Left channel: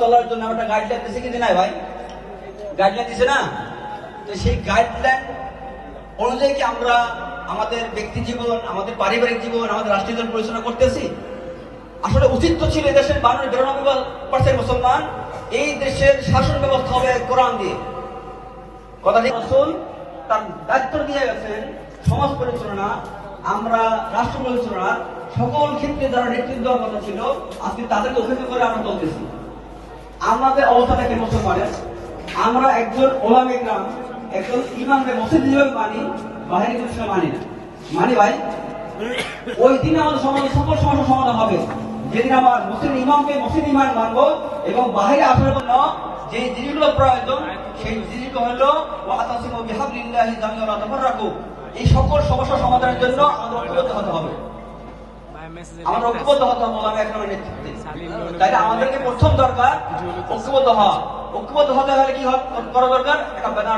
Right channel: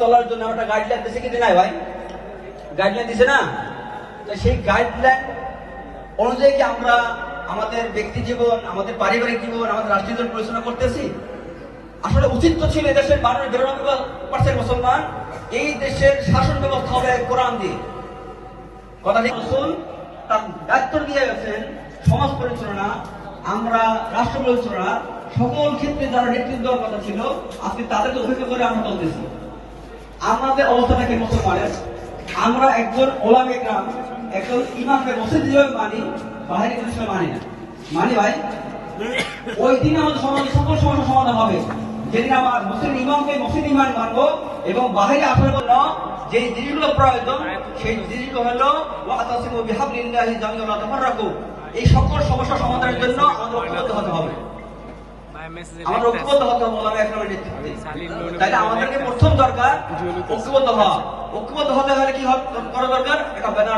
চলার জন্য একটা গাইডলাইন দিচ্ছে কিন্তু নাই ভাই, গাইডলাইন দিছে না? তো সেই গাইডলাইন অনুযায়ী কি আমরা আমাদের ব্যক্তি জীবন, আমাদের পারিবারিক জীবন, আমাদের রাষ্ট্রীয় জীবন পরিচালনা করতেছি? আসলে উচিত তো ছিল এদেশের 92% মুসলমান, এই দেশের শাসন ব্যবস্থা হবে কোরআন দিয়ে। কথা ঠিক আসুন, তার দায়িত্ব দিয়ে গেছেন সমাজ পরিচালনা, আমরা রাষ্ট্র পরিচালনা, সকল ক্ষেত্রে যারা নেতৃত্ব দেওয়ার কথা ছিল, আপনি তাদেরকে অভিযোগ করে আমরা চলতেছি। আমাদের অবস্থাটা কি বলতে পারেন? আমরা একজন ওলামা ইকরাম, একজন ইমামকে মসজিদ হিসেবে মানি, বাহিনী হিসেবে মানি না। মানি ভাই, ওই দিন আমাদের সকল সমস্যার সমাধান হবে যেদিন আমার মুসলিম ইমামকে মুসলিম ইমান মানবো এবং বাহিরে আসার জন্য যে জিনিসগুলো প্রয়োজন সেই জিনিসগুলো হলো ওয়াতাসিমু বিহাবলিল্লাহি জামিআন ওয়া লা তাফাররাকু। এই সকল সমস্যা সমাধানের জন্য আমাদের ঐক্যবদ্ধ হতে হবে। আমাদের ঐক্যবদ্ধ হতে হবে ওলামা ইকরামের নেতৃত্বে। তাই আমাদেরকে প্রথম দরকার ঐক্যবদ্ধ হওয়া। ঐক্যবদ্ধ হতে হলে কি করা দরকার? একটা ব্যানার